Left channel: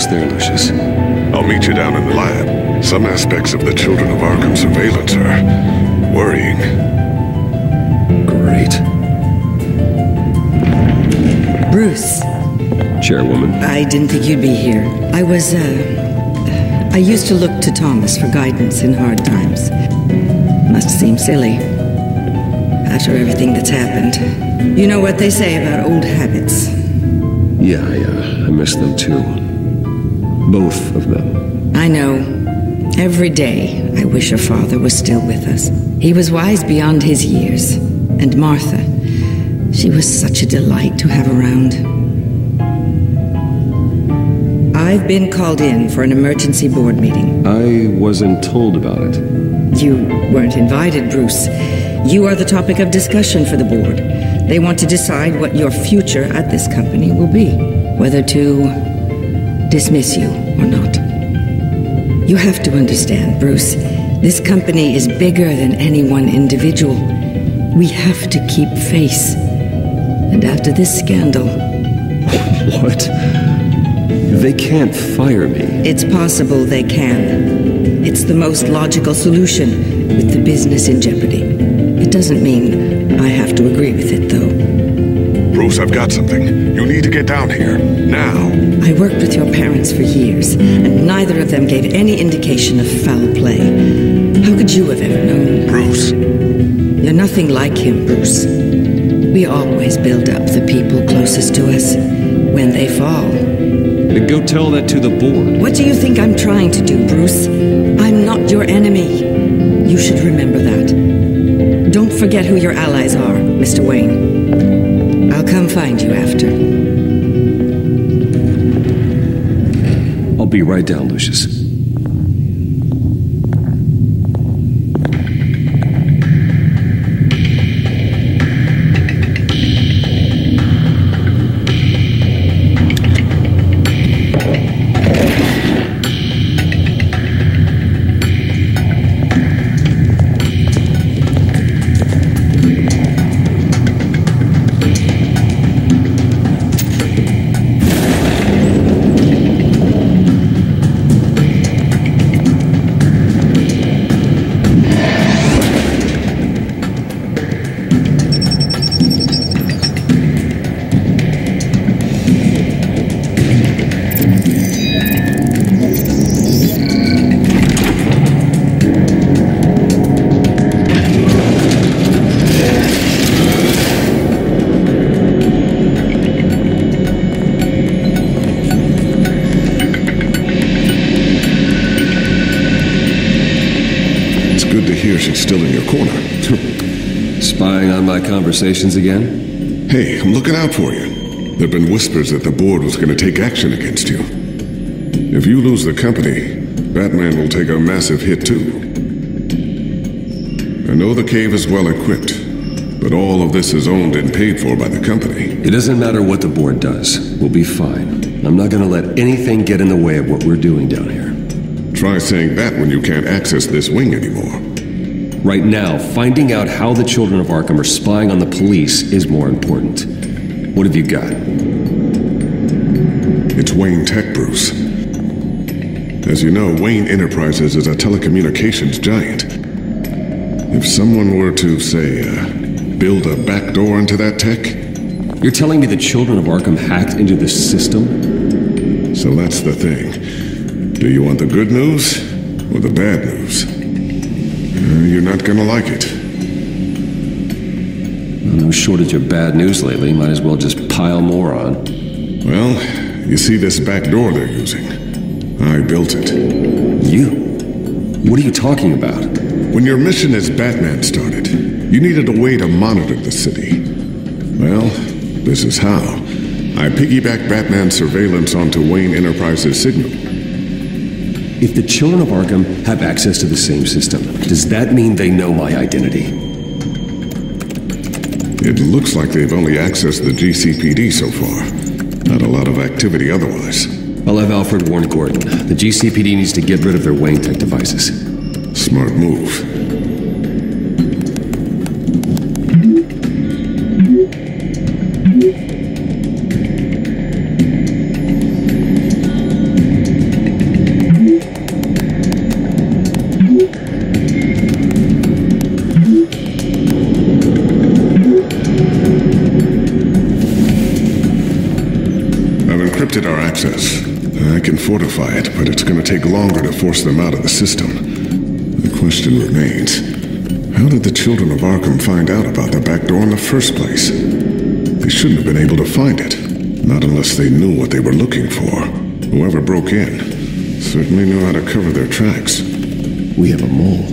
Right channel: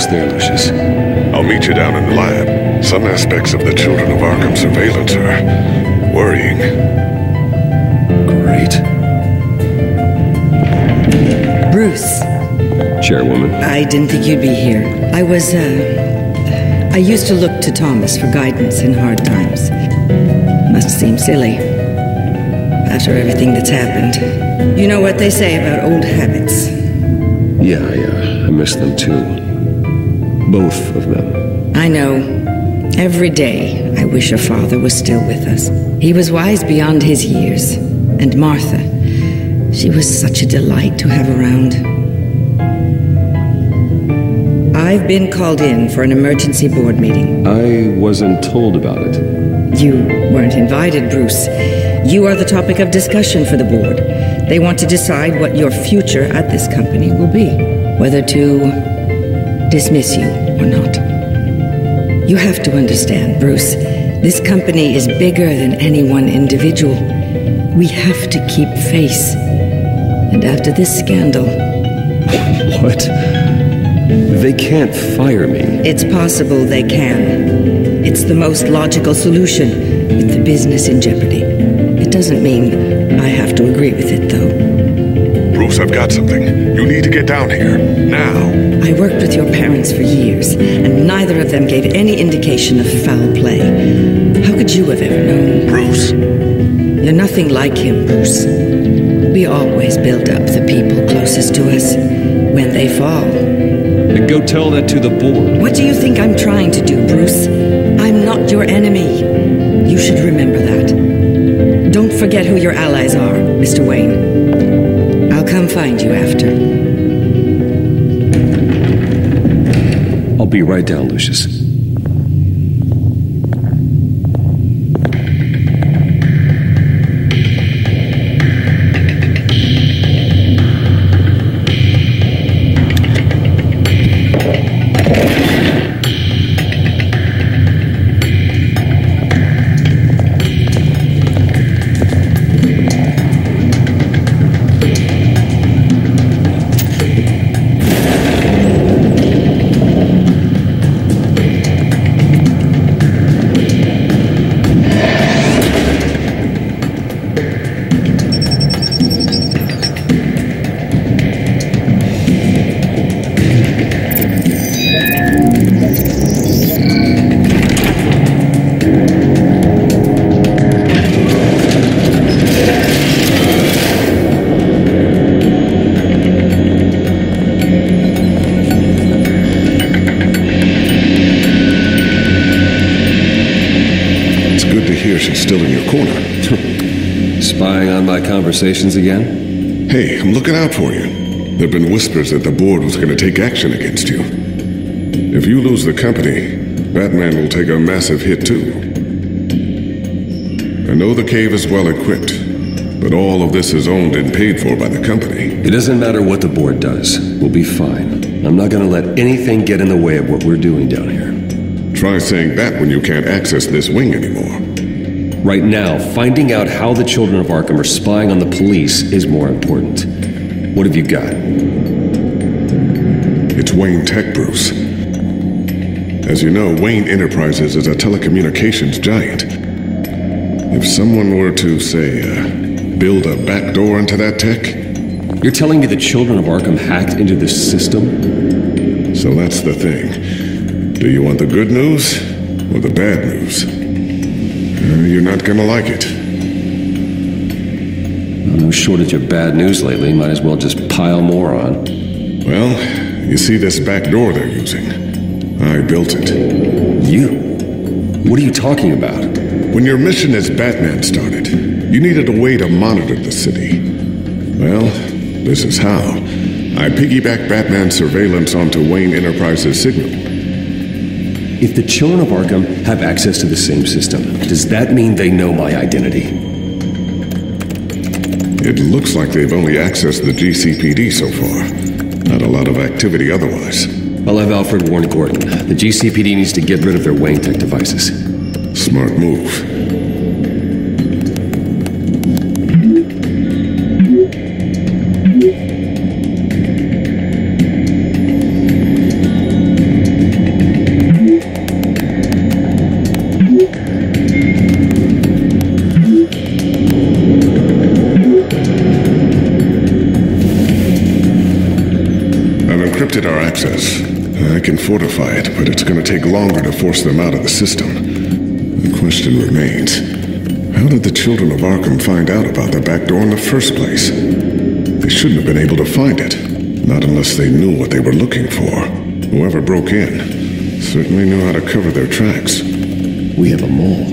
almost there, Lucius. I'll meet you down in the lab. Some aspects of the Children of Arkham surveillance are worrying. Great. Bruce. Chairwoman. I didn't think you'd be here. I used to look to Thomas for guidance in hard times. Must seem silly. After everything that's happened. You know what they say about old habits. Yeah, I miss them too. Both of them. I know. Every day, I wish your father was still with us. He was wise beyond his years. And Martha, she was such a delight to have around. I've been called in for an emergency board meeting. I wasn't told about it. You weren't invited, Bruce. You are the topic of discussion for the board. They want to decide what your future at this company will be. Whether to dismiss you or not. You have to understand, Bruce. This company is bigger than any one individual. We have to keep face. And after this scandal... What? They can't fire me. It's possible they can. It's the most logical solution with the business in jeopardy. It doesn't mean I have to agree with it, though. Bruce, I've got something. You need to get down here. Now. I worked with your parents for years, and neither of them gave any indication of foul play. How could you have ever known? Bruce. You're nothing like him, Bruce. We always build up the people closest to us. When they fall... Then go tell that to the board. What do you think I'm trying to do, Bruce? I'm not your enemy. You should remember that. Don't forget who your allies are, Mr. Wayne. I'll come find you after. I'll be right down, Lucius. Good to hear she's still in your corner. Spying on my conversations again? Hey, I'm looking out for you. There've been whispers that the board was going to take action against you. If you lose the company, Batman will take a massive hit too. I know the cave is well equipped, but all of this is owned and paid for by the company. It doesn't matter what the board does. We'll be fine. I'm not going to let anything get in the way of what we're doing down here. Try saying that when you can't access this wing anymore. Right now, finding out how the Children of Arkham are spying on the police is more important. What have you got? It's Wayne Tech, Bruce. As you know, Wayne Enterprises is a telecommunications giant. If someone were to, say, build a backdoor into that tech... You're telling me the Children of Arkham hacked into this system? So that's the thing. Do you want the good news or the bad news? You're not gonna like it. Well, no shortage of bad news lately. Might as well just pile more on. Well, you see this back door they're using? I built it. You? What are you talking about? When your mission as Batman started, you needed a way to monitor the city. Well, this is how. I piggybacked Batman's surveillance onto Wayne Enterprises' signal. If the Children of Arkham have access to the same system, does that mean they know my identity? It looks like they've only accessed the GCPD so far. Not a lot of activity otherwise. I'll have Alfred warn Gordon. The GCPD needs to get rid of their Wayne Tech devices. Smart move. I've encrypted our access. I can fortify it, but it's going to take longer to force them out of the system. The question remains, how did the children of Arkham find out about the back door in the first place? They shouldn't have been able to find it. Not unless they knew what they were looking for. Whoever broke in certainly knew how to cover their tracks. We have a mole.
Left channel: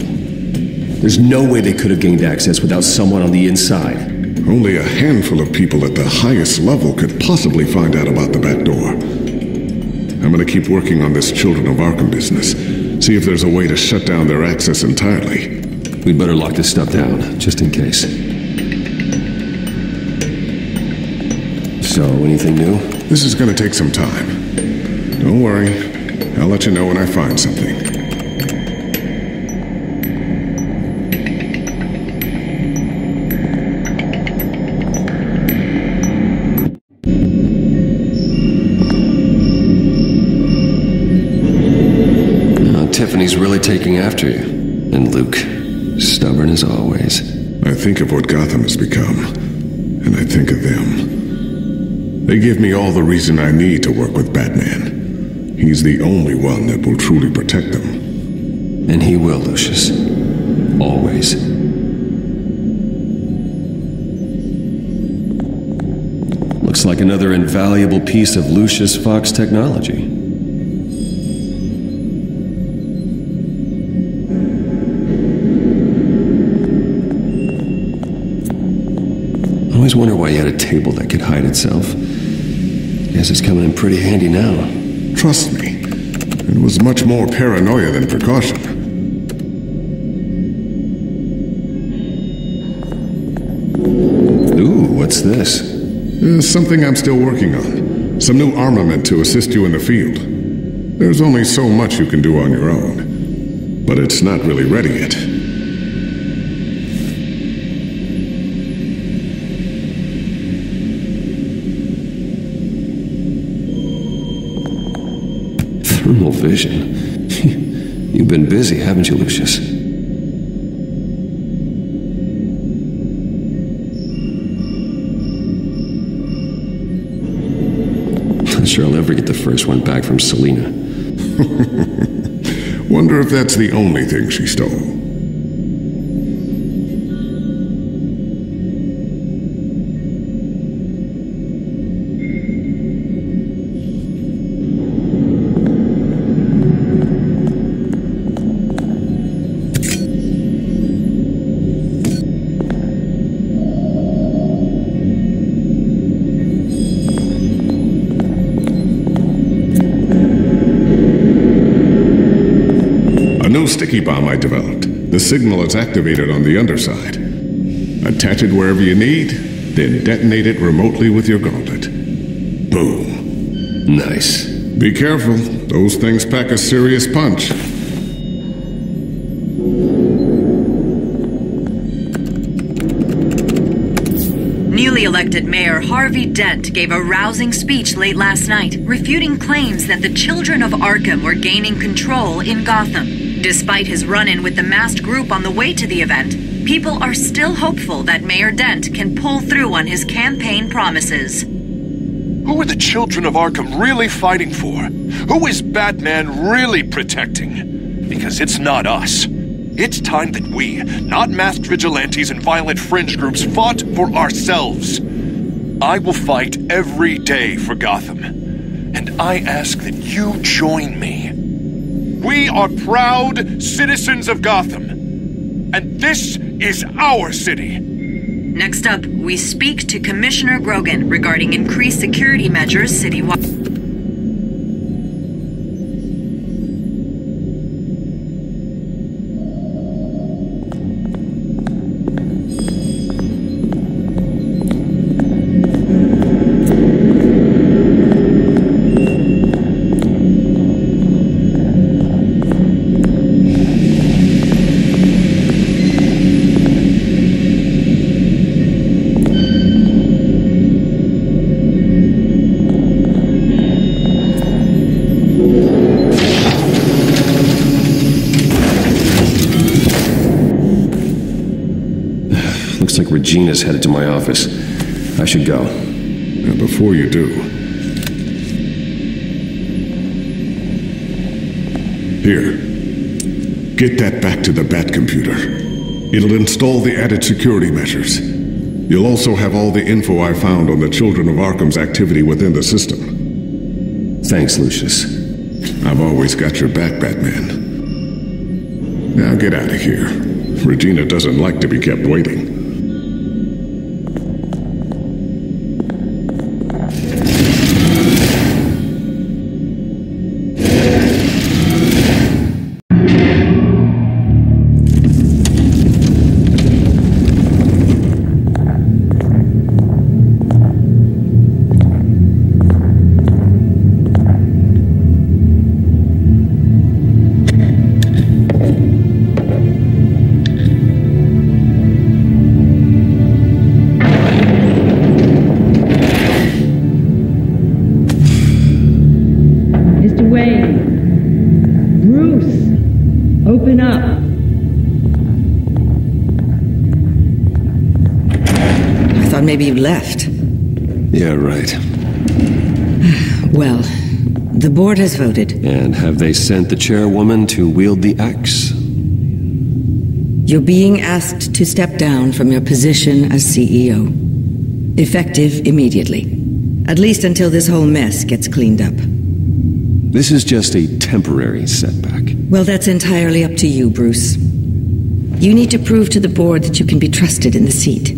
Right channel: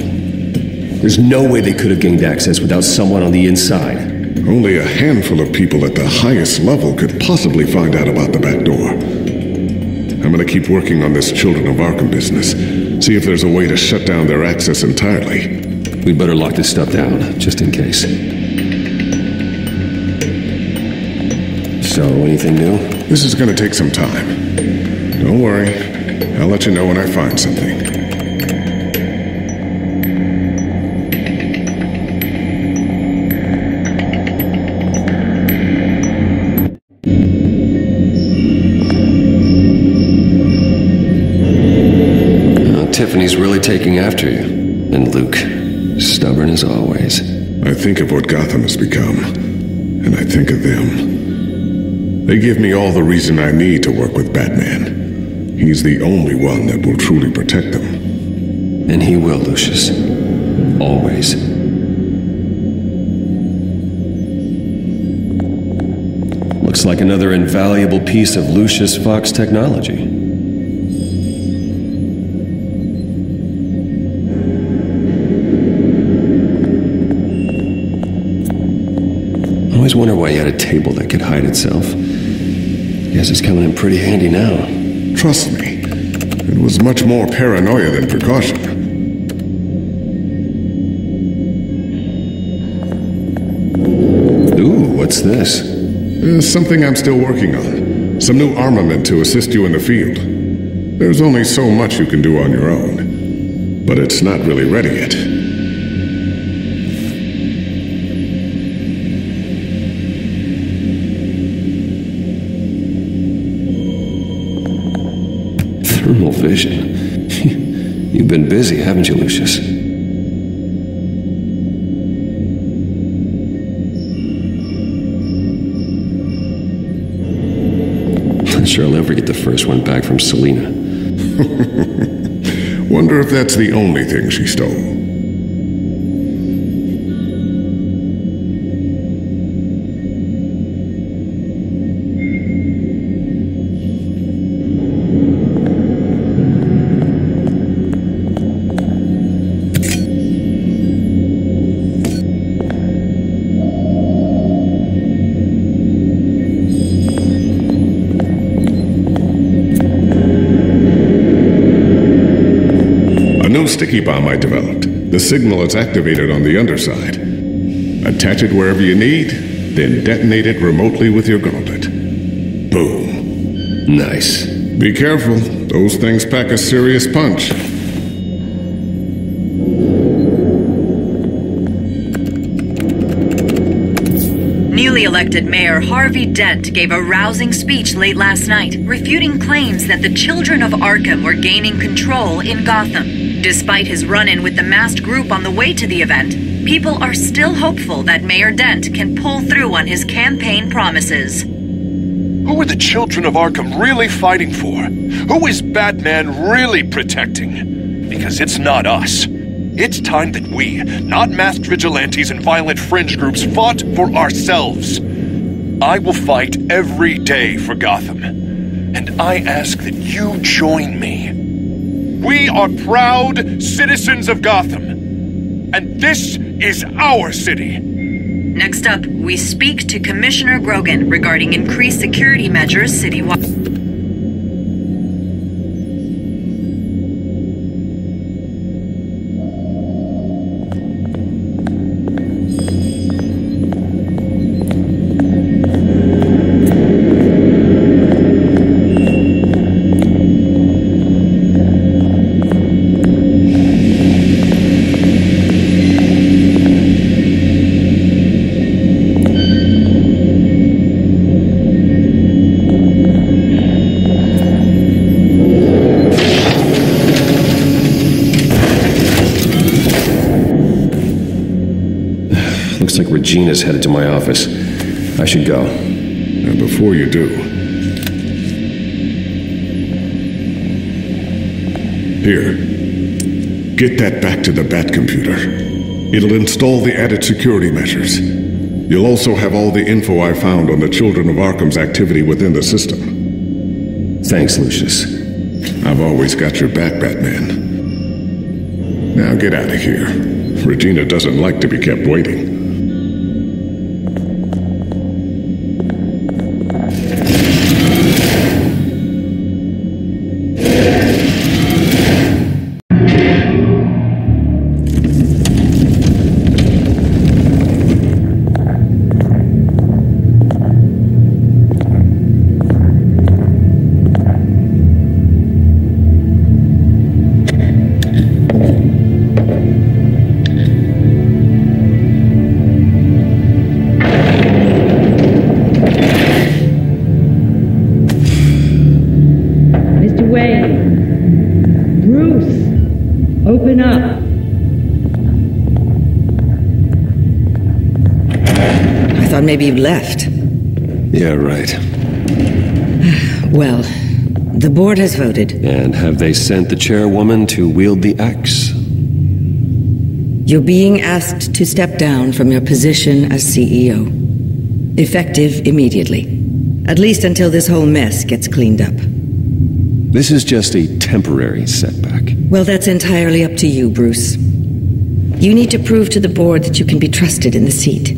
There's no way they could have gained access without someone on the inside. Only a handful of people at the highest level could possibly find out about the back door. I'm gonna keep working on this Children of Arkham business. See if there's a way to shut down their access entirely. We'd better lock this stuff down, just in case. So, anything new? This is gonna take some time. Don't worry. I'll let you know when I find something. Tiffany's really taking after you. And Luke, stubborn as always. I think of what Gotham has become, and I think of them. They give me all the reason I need to work with Batman. He's the only one that will truly protect them. And he will, Lucius. Always. Looks like another invaluable piece of Lucius Fox technology. I always wonder why he had a table that could hide itself. Guess it's coming in pretty handy now. Trust me, it was much more paranoia than precaution. Ooh, what's this? Something I'm still working on. Some new armament to assist you in the field. There's only so much you can do on your own. But it's not really ready yet. Thermal vision. You've been busy, haven't you, Lucius? Not sure I'll ever get the first one back from Selina. Wonder if that's the only thing she stole. A new sticky bomb I developed. The signal is activated on the underside. Attach it wherever you need, then detonate it remotely with your gauntlet. Boom. Nice. Be careful. Those things pack a serious punch. Newly elected Mayor Harvey Dent gave a rousing speech late last night, refuting claims that the children of Arkham were gaining control in Gotham. Despite his run-in with the masked group on the way to the event, people are still hopeful that Mayor Dent can pull through on his campaign promises. Who are the children of Arkham really fighting for? Who is Batman really protecting? Because it's not us. It's time that we, not masked vigilantes and violent fringe groups, fought for ourselves. I will fight every day for Gotham. And I ask that you join me. We are proud citizens of Gotham. And this is our city. Next up, we speak to Commissioner Grogan regarding increased security measures citywide. Looks like Regina's headed to my office. I should go. And before you do, Here. Get that back to the Bat computer. It'll install the added security measures. You'll also have all the info I found on the Children of Arkham's activity within the system. Thanks, Lucius. I've always got your back, Batman. Now get out of here. Regina doesn't like to be kept waiting. Mr. Wayne. Bruce. Open up. I thought maybe you'd left. Yeah, right. Well, the board has voted. And have they sent the chairwoman to wield the axe? You're being asked to step down from your position as CEO. Effective immediately. At least until this whole mess gets cleaned up. This is just a temporary setback. Well, that's entirely up to you, Bruce. You need to prove to the board that you can be trusted in the seat.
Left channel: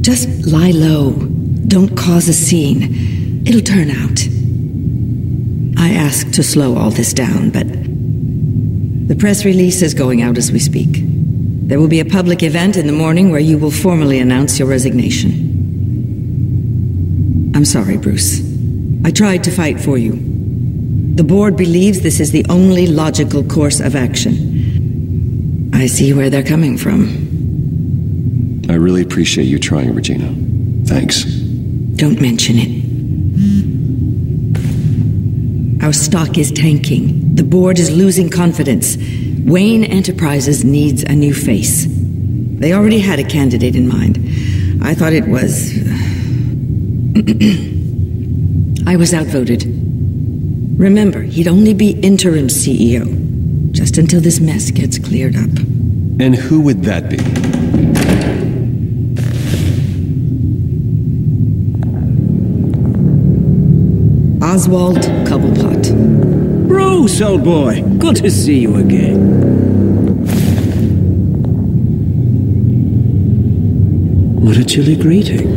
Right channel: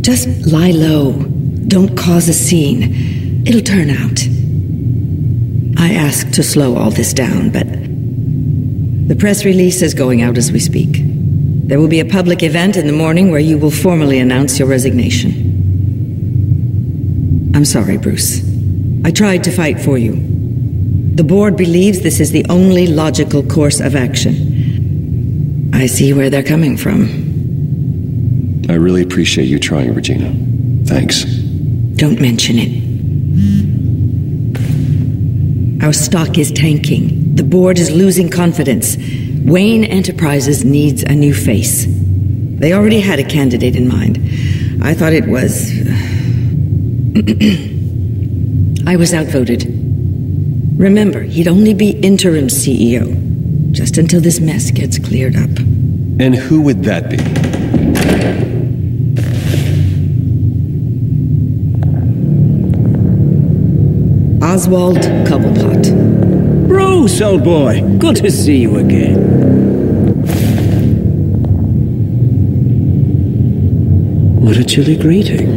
Just lie low. Don't cause a scene. It'll turn out. I asked to slow all this down, but the press release is going out as we speak. There will be a public event in the morning where you will formally announce your resignation. I'm sorry, Bruce. I tried to fight for you. The board believes this is the only logical course of action. I see where they're coming from. I really appreciate you trying, Regina. Thanks. Don't mention it. Our stock is tanking. The board is losing confidence. Wayne Enterprises needs a new face. They already had a candidate in mind. I thought it was... I was outvoted. Remember, he'd only be interim CEO, just until this mess gets cleared up. And who would that be? Oswald Cobblepot. Bruce, old boy. Good to see you again. What a chilly greeting.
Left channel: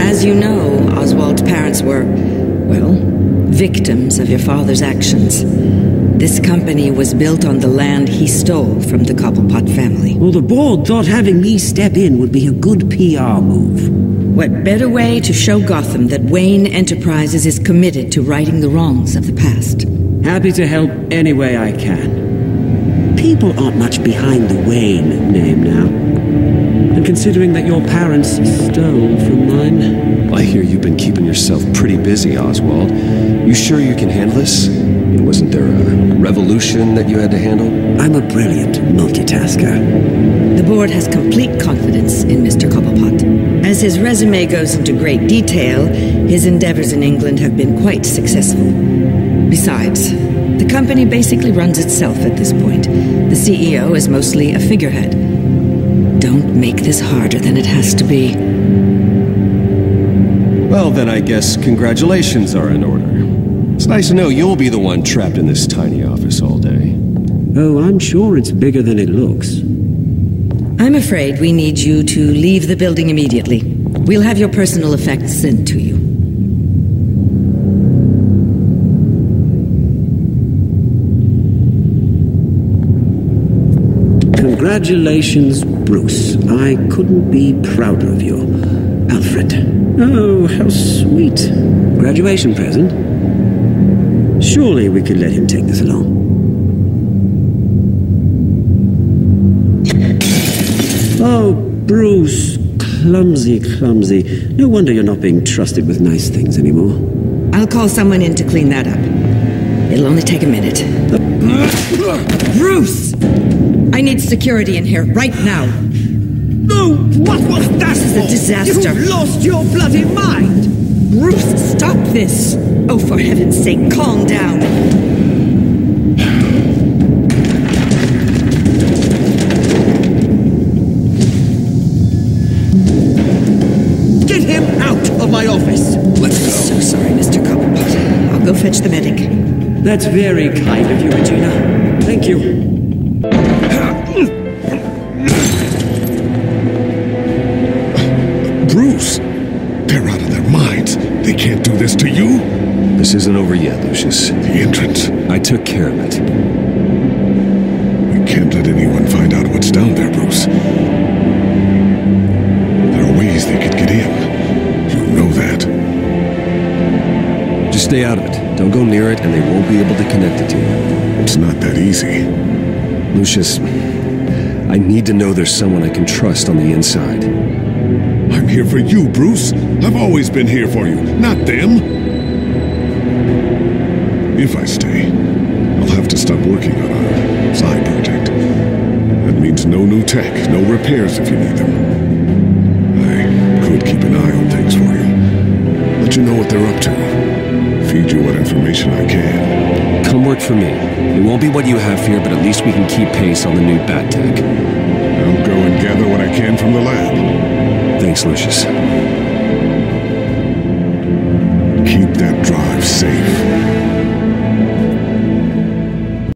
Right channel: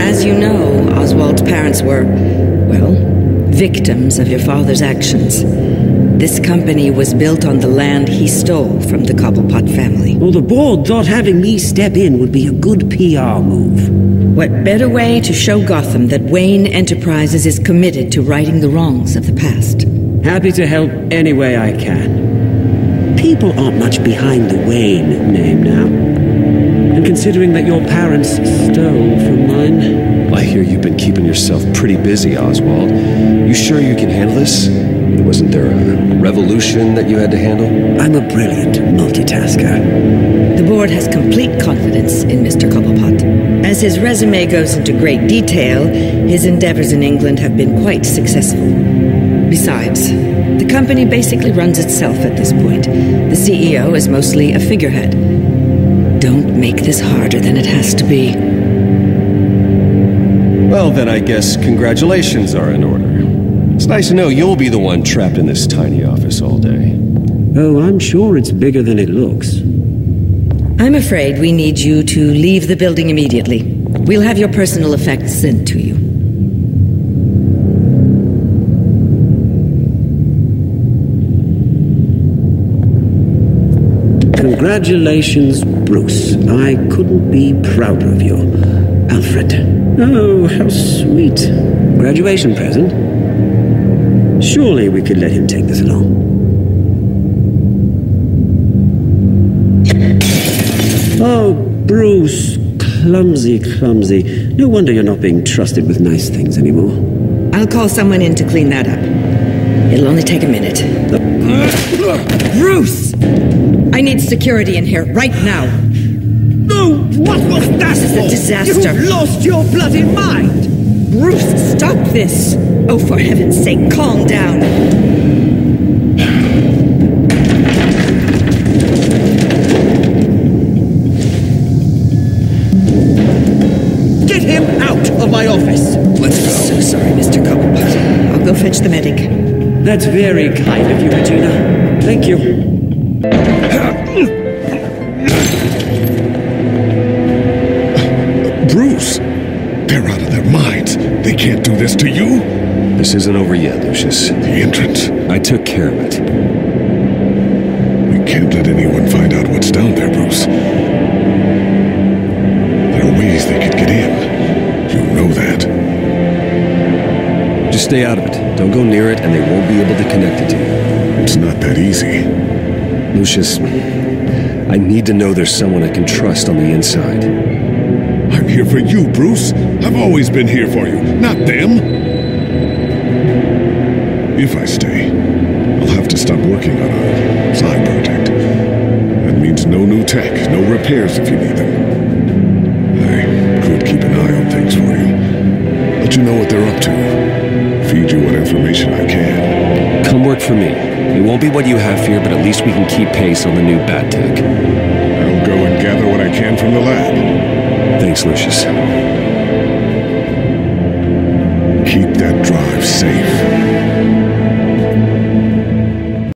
As you know, Oswald's parents were, well, victims of your father's actions. This company was built on the land he stole from the Cobblepot family. Well, the board thought having me step in would be a good PR move. What better way to show Gotham that Wayne Enterprises is committed to righting the wrongs of the past? Happy to help any way I can. People aren't much behind the Wayne name now. And considering that your parents stole from mine... I hear you've been keeping yourself pretty busy, Oswald. You sure you can handle this? I mean, wasn't there a revolution that you had to handle? I'm a brilliant multitasker. The board has complete confidence in Mr. Cobblepot. As his resume goes into great detail, his endeavors in England have been quite successful. Besides, the company basically runs itself at this point. The CEO is mostly a figurehead. Don't make this harder than it has to be. Well, then I guess congratulations are in order. It's nice to know you'll be the one trapped in this tiny office all day. Oh, I'm sure it's bigger than it looks. I'm afraid we need you to leave the building immediately. We'll have your personal effects sent to you. Congratulations, Bruce. I couldn't be prouder of you. Alfred. Oh, how sweet. Graduation present? Surely we could let him take this along. Oh, Bruce. Clumsy, clumsy. No wonder you're not being trusted with nice things anymore. I'll call someone in to clean that up. It'll only take a minute. Bruce! I need security in here right now. No, what was that? This is a disaster. You've lost your bloody mind! Bruce, stop this! Oh, for heaven's sake, calm down. him out of my office. Let's I'm go. so sorry, Mr. Cobblepot. I'll go fetch the medic. That's very kind of you, Regina. Thank you. Bruce! They're out of their minds. They can't do this to you. This isn't over yet, Lucius. The entrance. I took care of it. We can't let anyone find out what's down there, Bruce. There are ways they could get in. You know that. Just stay out of it. Don't go near it, and they won't be able to connect it to you. It's not that easy. Lucius, I need to know there's someone I can trust on the inside. I'm here for you, Bruce. I've always been here for you, not them. If I stay, I'll have to stop working on our side project. That means no new tech, no repairs if you need them. I could keep an eye on things for you. Let you know what they're up to. Feed you what information I can. Come work for me. It won't be what you have here, but at least we can keep pace on the new bat tech. I'll go and gather what I can from the lab. Thanks, Lucius. Keep that drive safe.